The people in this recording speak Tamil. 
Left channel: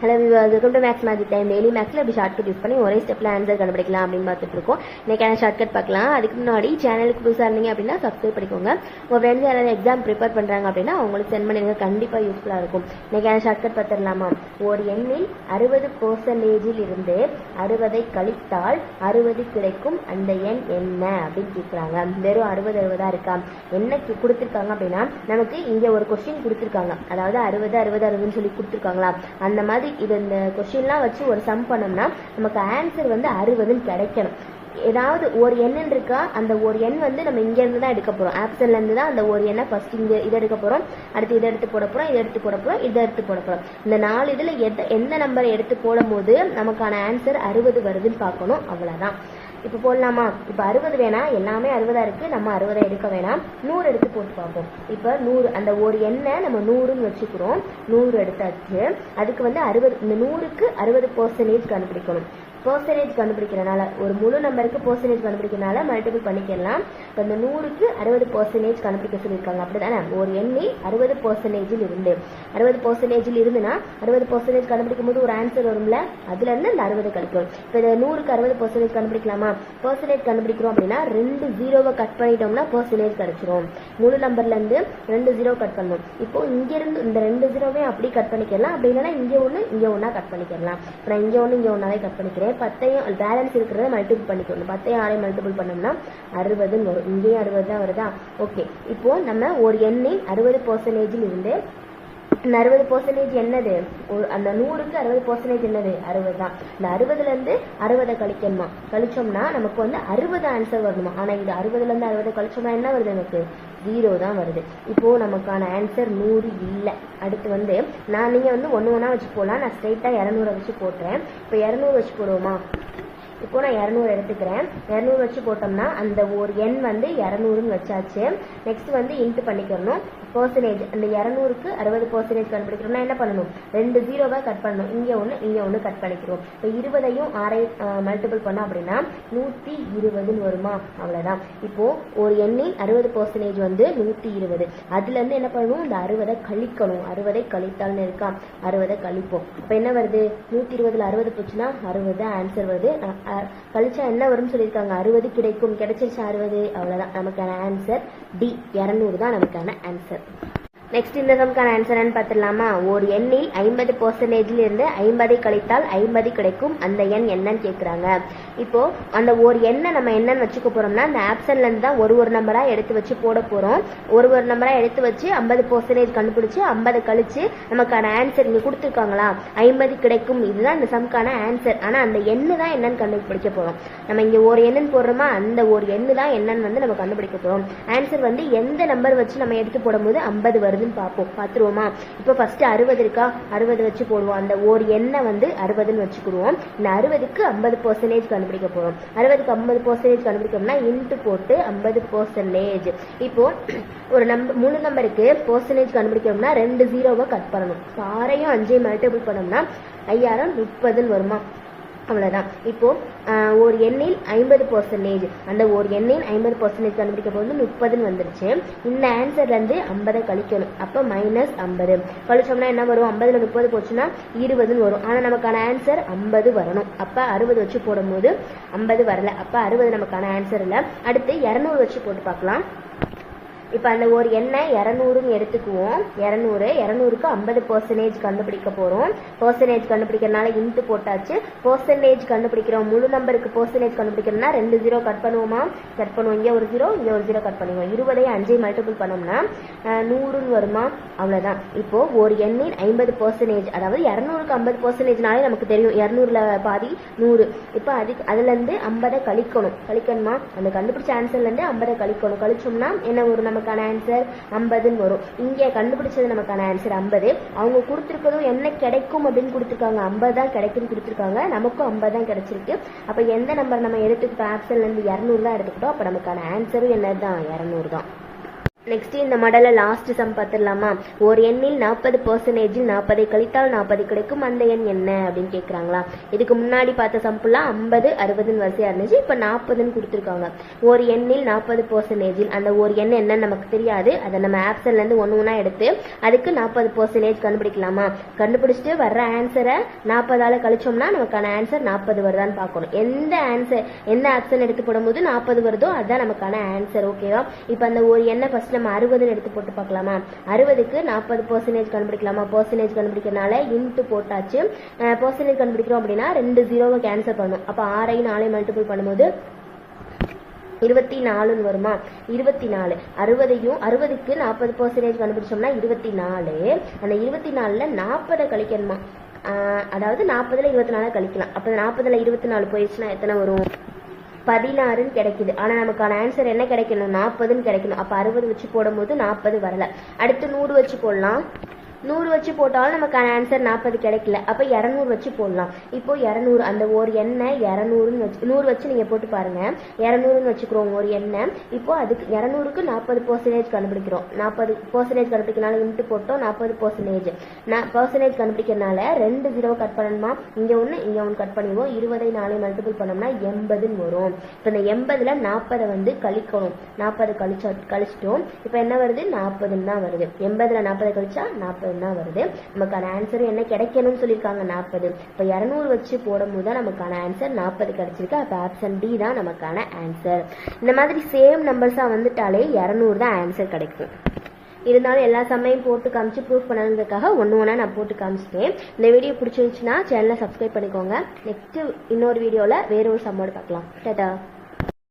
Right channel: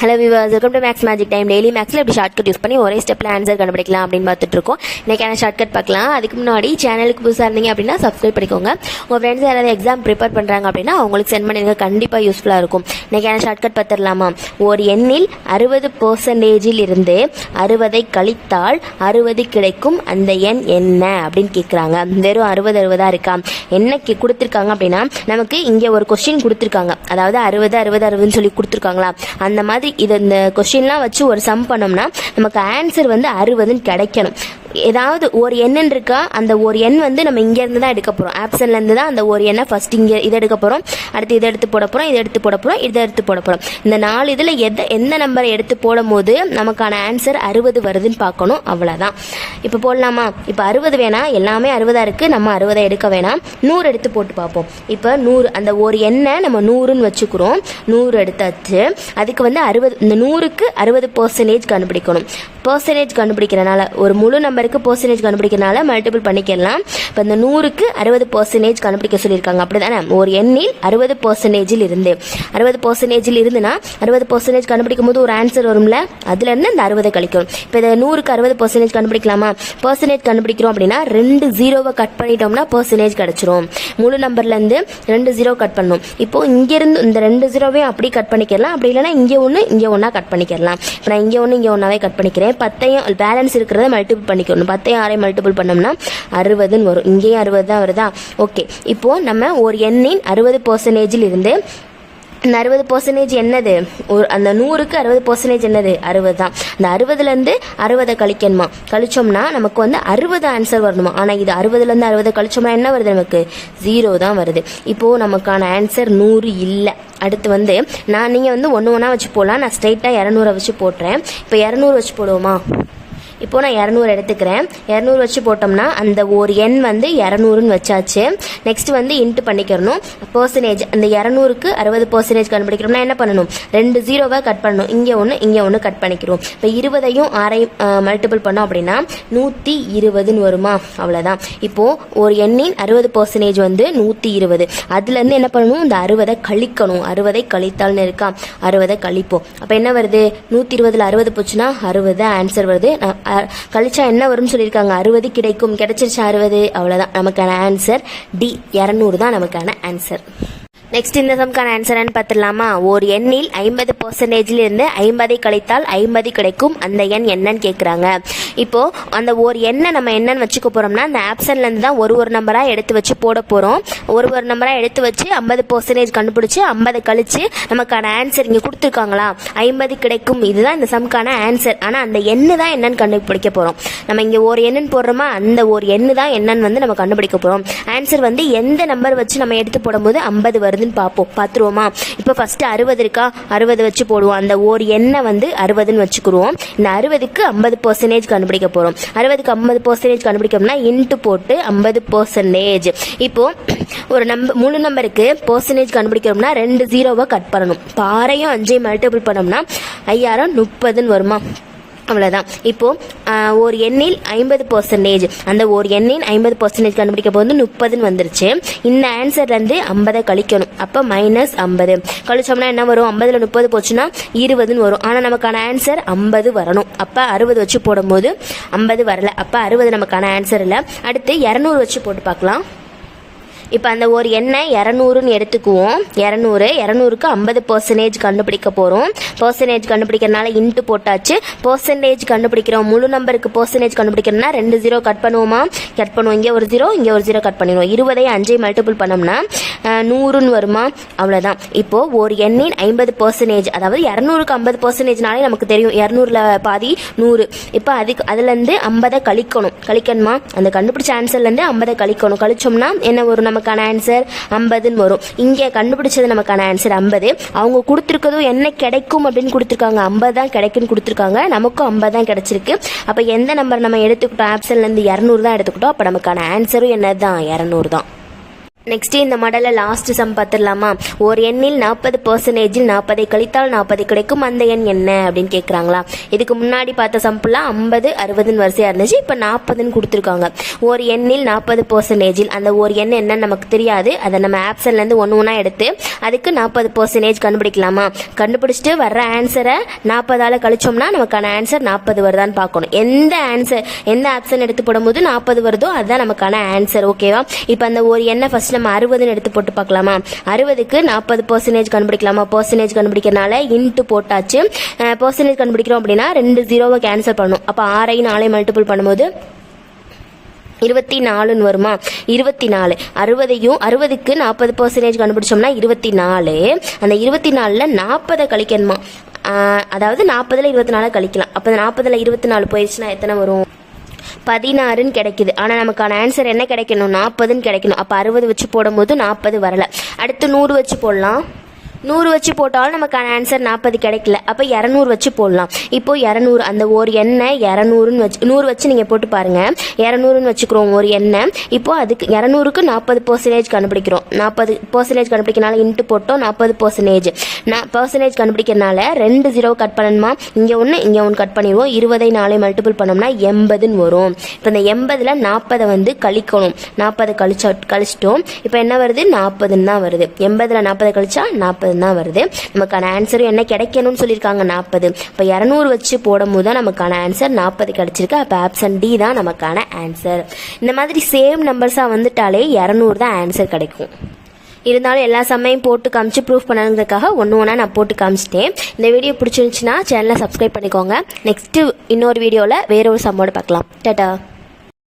Hello viewers, welcome to maths magic time. Daily மேக்ஸில் எப்படி ஷார்ட்கட் யூஸ் பண்ணி ஒரே ஸ்டெப்பில் ஆன்சர் கண்டுபிடிக்கலாம் அப்படின்னு பார்த்துட்டு இருக்கோம். இன்றைக்கான ஷார்ட்கட் பார்க்கலாம். அதுக்கு முன்னாடி சேனலுக்கு புதுசாக இருந்தீங்க அப்படின்னா சப்ஸ்கிரைப் பண்ணிக்கோங்க. உங்கள் ஃப்ரெண்ட்ஸ் யாராவது எக்ஸாம் ப்ரிப்பேர் பண்ணுறாங்க அப்படின்னா அவங்களுக்கு சென்ட் பண்ணிடுங்க, கண்டிப்பாக யூஸ்ஃபுல்லாக இருக்கும். இன்றைக்கான ஷார்ட்கட் பார்த்துடலாமா? ஒரு எண்ணில் 60% இருந்து 60 கழித்தால் 60 கிடைக்கும் அந்த எண் என்ன அப்படின்னு கேட்குறாங்க. வெறும் 60 இருக்கா? என்ன கொடுத்துருக்காங்க அப்படின்னா, நமக்கு இங்கே ஒரு கொஸ்டின் கொடுத்துருக்காங்க. அதாவது 60 சொல்லி கொடுத்துருக்காங்களா, அந்த மாதிரி இந்த கொஸ்டின்லாம் வச்சு ஒரு சம் பண்ணோம்னா நமக்கு ஆன்சர் 60 கிடைக்கணும். ஏதாவது ஒரு எண் இருக்கா, அந்த ஒரு எண் நம்ம இங்க இருந்து தான் எடுக்க போறோம். ஆப்ஷன்ல இருந்து தான் அந்த ஒரு எண்ணை ஃபர்ஸ்ட் இங்க இதை எடுக்க போறோம், அடுத்து இதை எடுத்து போட போறோம், இதை எடுத்து போட போறோம், இதை எடுத்து போட போறோம். இந்த 4 இதுல எந்த நம்பரை எடுத்து போடும் போது நமக்கான ஆன்சர் 60 வருதுன்னு பார்க்கணும். அவ்வளவுதான். இப்ப போடலாமா? இப்ப 60 வேணா, எல்லாமே 60 இருக்கு, நம்ம 60 எடுக்க வேணாம், 100 எடுத்து போட்டு பார்ப்போம். இப்ப 100, அந்த ஒரு எண்ணை நம்ம 100ன்னு வச்சுக்கிறோம். 100 எடுத்தாச்சு. அதுக்கு 60, இந்த 100க்கு 60% கண்டுபிடிக்கணும். பெர்சன்டேஜ் கண்டுபிடிக்கிறனால, ஒரு முழு நம்பருக்கு பெர்சன்டேஜ் கண்டுபிடிக்கிறனால மல்டிபிள் பண்ணிக்கலாம். இப்போ இந்த 100க்கு 60% கண்டுபிடிக்க சொல்லியிருக்காங்க, அப்படிதானே? ஒரு எண்ணில் 60% இருந்து 60% இருந்துன்னா 60% கண்டுபிடிக்கும் போது ஒரு ஆன்சர் வரும்ல, அதுல இருந்து இந்த 60 கழிக்கணும். இப்போ இந்த 100க்கு 60% கண்டுபிடிக்கலாமா? பெர்சன்டேஜ் கண்டுபிடிக்கிறோம் அப்படின்னா 2 0 கட் பண்ணிட்டோம்னா பெர்சன்டேஜ் கிடைச்சிரும். முழு நம்பர்ல இருந்து 2 0 கட் பண்ணணும். இப்போ இங்க இருந்து இந்த 2 0வையும் அப்படி கட் பண்ணிக்கலாம், அப்படி இல்லைன்னா இங்க ஒன்னா கட் பண்ணிக்கலாம். இப்போ நான் இங்க ஒன்று இங்க ஒன்னாவே கட் பண்ணிக்கிறேன். 10ஐயும் பேலன்ஸ் இருக்கிறத மல்டிபிள் பண்ணிக்கணும். 10ஐயும் 6ஐயும் மல்டிபிள் பண்ணோம்னா 60ன்னு வரும். இங்கேயும் 60 தான் வருதா? ஓகே. இப்போ நம்ம ஒரு எண்ணின் 60% இருந்து இந்த 60% என்னது? அந்த 100க்கு 60% என்னது? 60 தான். இந்த 60ல இருந்து 60 கழிக்கணுமா? கழிச்சோம்னா நமக்கு 60 ஆன்சர் வரணுமா? ஆனா இது 60ல இருந்து 60 கழிச்சோம்னா என்ன வருது? நமக்கு 0 தான் வருது. இப்போ நமக்கான ஆன்சர் 100 இல்லை. அடுத்து நீங்க ஒன்று ஒன்றா வச்சு போடலாம். நான் ஸ்ட்ரைட்டா 200 வச்சு போட்டுறேன். இப்போ 200 வச்சு போடுவோமா? இப்போ நான் 200 எடுத்துக்கிறேன். 200 வச்சு போட்டோம்னா அந்த ஒரு எண் 200ன்னு வச்சாச்சு. Next into பண்ணிக்கிறணும். பெர்சன்டேஜ், அந்த 200க்கு 60% கண்டுபிடிக்கிறோம்னா என்ன பண்ணணும்? 2 0வை கட் பண்ணணும். இங்கே ஒன்று கட் பண்ணிக்கிறோம். இப்போ 20ஐயும் 6ஐயும் மல்டிபிள் பண்ணோம் அப்படின்னா 120ன்னு வருமா? அவ்வளோதான். இப்போ ஒரு எண்ணின் 60% 120. அதுலேருந்து என்ன பண்ணணும்? இந்த 60 கழிக்கணும். 60 கழித்தால்னு இருக்கா, 60 கழிப்போம். அப்போ என்ன வருது? 120ல் 60 போச்சுன்னா 60 ஆன்சர் வருது. கழிச்சா என்ன வரும்னு சொல்லியிருக்காங்க? 60 கிடைக்கும். கிடைச்சிருச்சு 60. அவ்வளோதான். நமக்கான ஆன்சர் டி, 200 தான் நமக்கான ஆன்சர். நெக்ஸ்ட் இந்த சம்க்கான ஆன்சர் பார்த்துடலாமா? ஒரு எண்ணில் 50% இருந்து 50 கழித்தால் 50 கிடைக்கும் அந்த எண் என்னன்னு கேட்குறாங்க. இப்போ அந்த ஒரு எண்ணை நம்ம என்னன்னு வச்சுக்க போறோம்னா, அந்த ஆப்ஷன்ல இருந்து தான் ஒரு நம்பரா எடுத்து வச்சு போட போறோம். ஒரு நம்பரா எடுத்து வச்சு 50% கண்டுபிடிச்சு 50 கழிச்சு நமக்கான ஆன்சர் இங்க கொடுத்துருக்காங்களா, 50 கிடைக்கும். இதுதான் இந்த சம்க்கான ஆன்சர். ஆனா அந்த எண்ணு தான் என்னன்னு கண்டுபிடிக்க போறோம். நம்ம இங்க ஒரு எண்ணுன்னு போடுறோமா, அந்த ஒரு எண்ணு தான் என்னன்னு நம்ம கண்டுபிடிக்க போறோம். ஆன்சர் எந்த நம்பர் வச்சு நம்ம எடுத்து போடும்போது 50 வருது பார்ப்போம். பார்த்துருவோமா? இப்போ ஃபர்ஸ்ட் 60 இருக்கா, 60 வச்சு போடுவோம். அந்த ஒரு எண்ணை 60ன்னு வச்சுக்குருவோம். இந்த 60க்கு 50% கண்டுபிடிக்க போறோம். 60க்கு 50% கண்டுபிடிக்கணும்னா இன்ட்டு போட்டு 50%. இப்போ ஒரு முழு நம்பருக்கு பெர்சன்டேஜ் கண்டுபிடிக்கிறோம்னா 2 0வை கட் பண்ணணும். 6ஐயும் 5ஐயும் மல்டிபிள் பண்ணோம்னா 5030ன்னு வருமா? அவ்வளோதான். இப்போ ஒரு எண்ணில் 50%, அந்த ஒரு எண்ணின் 50% கண்டுபிடிக்க போது 30ன்னு வந்துருச்சு. இந்த ஆன்சர்லேருந்து 50 கழிக்கணும். அப்போ -50 கழிச்சோம்னா என்ன வரும்? 50ல் 30 போச்சுன்னா 20ன்னு வரும். ஆனால் நமக்கான ஆன்சர் 50 வரணும். அப்போ 60 வச்சு போடும்போது 50 வரல. அப்போ 60 நமக்கான ஆன்சர் இல்லை. அடுத்து 200 வச்சு போட்டு பார்க்கலாம். இப்போ அந்த ஒரு எண்ணை 200ன்னு எடுத்துக்குவோம். 200க்கு 50% கண்டுபிடிக்க போகிறோம். பெர்சன்டேஜ் கண்டுபிடிக்கிறனால இன்ட்டு போட்டாச்சு. பெர்சன்டேஜ் கண்டுபிடிக்கிறோம். முழு நம்பருக்கு பெர்சன்டேஜ் கண்டுபிடிக்கிறோம்னா 2 0 கட் பண்ணுவோமா? கட் பண்ணுவோம். இங்கே ஒரு 0, இங்கே ஒரு 0 கட் பண்ணிடுவோம். 20ஐயும் 5ஐயும் மல்டிபிள் பண்ணோம்னா 100ன்னு வருமா? அவ்வளோதான். இப்போ ஒரு எண்ணின் 50%, அதாவது 200க்கு 50%னாலே நமக்கு தெரியும், 200ல் பாதி 100. இப்போ அதுலேருந்து 50 கழிக்கணுமா? அந்த கண்டுபிடிச்ச ஆன்சர்லேருந்து 50 கழிக்கணும். கழிச்சோம்னா என்ன வரும்? நமக்கான ஆன்சர் 50ன்னு வரும். இங்கே கண்டுபிடிச்சது நமக்கான ஆன்சர் 50. அவங்க கொடுத்துருக்கதும் என்ன கிடைக்கும் அப்படின்னு கொடுத்துருக்காங்க, 50 தான் கிடைக்குன்னு கொடுத்துருக்காங்க. நமக்கும் 50 தான் கிடைச்சிருக்கு. அப்போ எந்த நம்பர் நம்ம எடுத்துக்கிட்டோம்? ஆப்ஷன்லேருந்து 200 தான் எடுத்துக்கிட்டோம். அப்போ நமக்கான ஆன்சரும் என்னது தான்? 200 தான். நெக்ஸ்ட்டு இந்த மாடலில் லாஸ்ட் சம் பார்த்துடலாமா? ஒரு எண்ணில் 40% 40 கழித்தால் 40 கிடைக்கும், அந்த எண் என்ன அப்படின்னு கேட்குறாங்களா? இதுக்கு முன்னாடி பார்த்த சம்பிளாக 50 60ன்னு வரிசையாக இருந்துச்சு. இப்போ 40ன்னு கொடுத்துருக்காங்க. ஒரு எண்ணில் 40% அந்த ஒரு எண் என்னன்னு நமக்கு தெரியாது. அதை நம்ம ஆப்ஷன்லேருந்து ஒன்று ஒன்றா எடுத்து அதுக்கு 40% கண்டுபிடிக்கலாமா? கண்டுபிடிச்சிட்டு வர்ற ஆன்சரை 40ஆல் கழிச்சோம்னா நமக்கான ஆன்சர் 40 வருதான்னு பார்க்கணும். எந்த ஆப்ஷன் எடுத்து போடும்போது 40 வருதோ அதுதான் நமக்கான ஆன்சர். ஓகேவா? இப்போ அந்த ஒரு எண்ணை ஃபர்ஸ்ட் நம்ம 60ன்னு எடுத்து போட்டு பார்க்கலாமா? 60க்கு 40% கண்டுபிடிக்கலாமா? பர்சன்டேஜ் கண்டுபிடிக்கிறனால இன்ட்டு போட்டாச்சு. பர்சன்டேஜ் கண்டுபிடிக்கிறோம் அப்படின்னா 2 0 கேன்சல் பண்ணணும். அப்போ 6 4 மல்டிபிள் பண்ணும்போது 24ன்னு வருமா? 24 60க்கு 40% கண்டுபிடிச்சோம்னா 24. அந்த 24ல் 40 கழிக்கணுமா? அதாவது 40ல் 24 கழிக்கலாம். அப்போ 40ல் 24 போயிடுச்சுன்னா எத்தனை வரும்? 16ன்னு கிடைக்குது. ஆனால் நமக்கான ஆன்சர் என்ன கிடைக்கணும்? 40ன்னு கிடைக்கணும். அப்போ 60 வச்சு போடும்போது 40 வரலை. அடுத்து 100 வச்சு போடலாம். 100 வச்சு போட்டாலும் நமக்கான ஆன்சர் 40 கிடைக்கல. அப்போ 200 வச்சு போடலாம். இப்போ 200 அந்த ஒரு எண்ணெய் 200ன்னு வச்சு 100 வச்சு நீங்கள் போட்டு பாருங்கள். 200ன்னு வச்சுக்கிறோம் ஒரு எண்ணெய். இப்போ அதுக்கு 200க்கு 40% கண்டுபிடிக்கிறோம். 40% கண்டுபிடிக்கிறனால இன்ட்டு போட்டோம் 40%. பர்சன்டேஜ் கண்டுபிடிக்கிறனால 2 0 கட் பண்ணணுமா? இங்கே ஒன்று கட் பண்ணிடுவோம். 20 4 மல்டிபிள் பண்ணோம்னா 80ன்னு வரும். இப்போ இந்த 80ல் 40 வந்து கழிக்கணும். 40 கழிச்சிட்டோம். இப்போ என்ன வருது? 40ன்னு தான் வருது. 80ல் 40 கழிச்சா 40 தான் வருது. நமக்கான ஆன்சரும் என்ன கிடைக்கணும்னு சொல்லியிருக்காங்க? 40. இப்போ 200 வச்சு போடும் போது தான் நமக்கான ஆன்சர் 40 கிடைச்சிருக்கு. அப்போ ஆப்ஷன் டி தான் நமக்கான ஆன்சர். இந்த மாதிரி சேம் நம்பர்ஸாக வந்துட்டாலே 200 தான் ஆன்சர் கிடைக்கும். இருந்தாலும் எல்லா சமயம் போட்டு காமிச்சு ப்ரூஃப் பண்ணணுங்கிறதுக்காக ஒன்று ஒன்றா நான் போட்டு காமிச்சிட்டேன். இந்த வீடியோ பிடிச்சிருந்துச்சுன்னா சேனலை சப்ஸ்கிரைப் பண்ணிக்கோங்க. நெக்ஸ்ட்டு இன்னொரு வீடியோவில் வேற ஒரு சம்மோடு பார்க்கலாம். டாடா.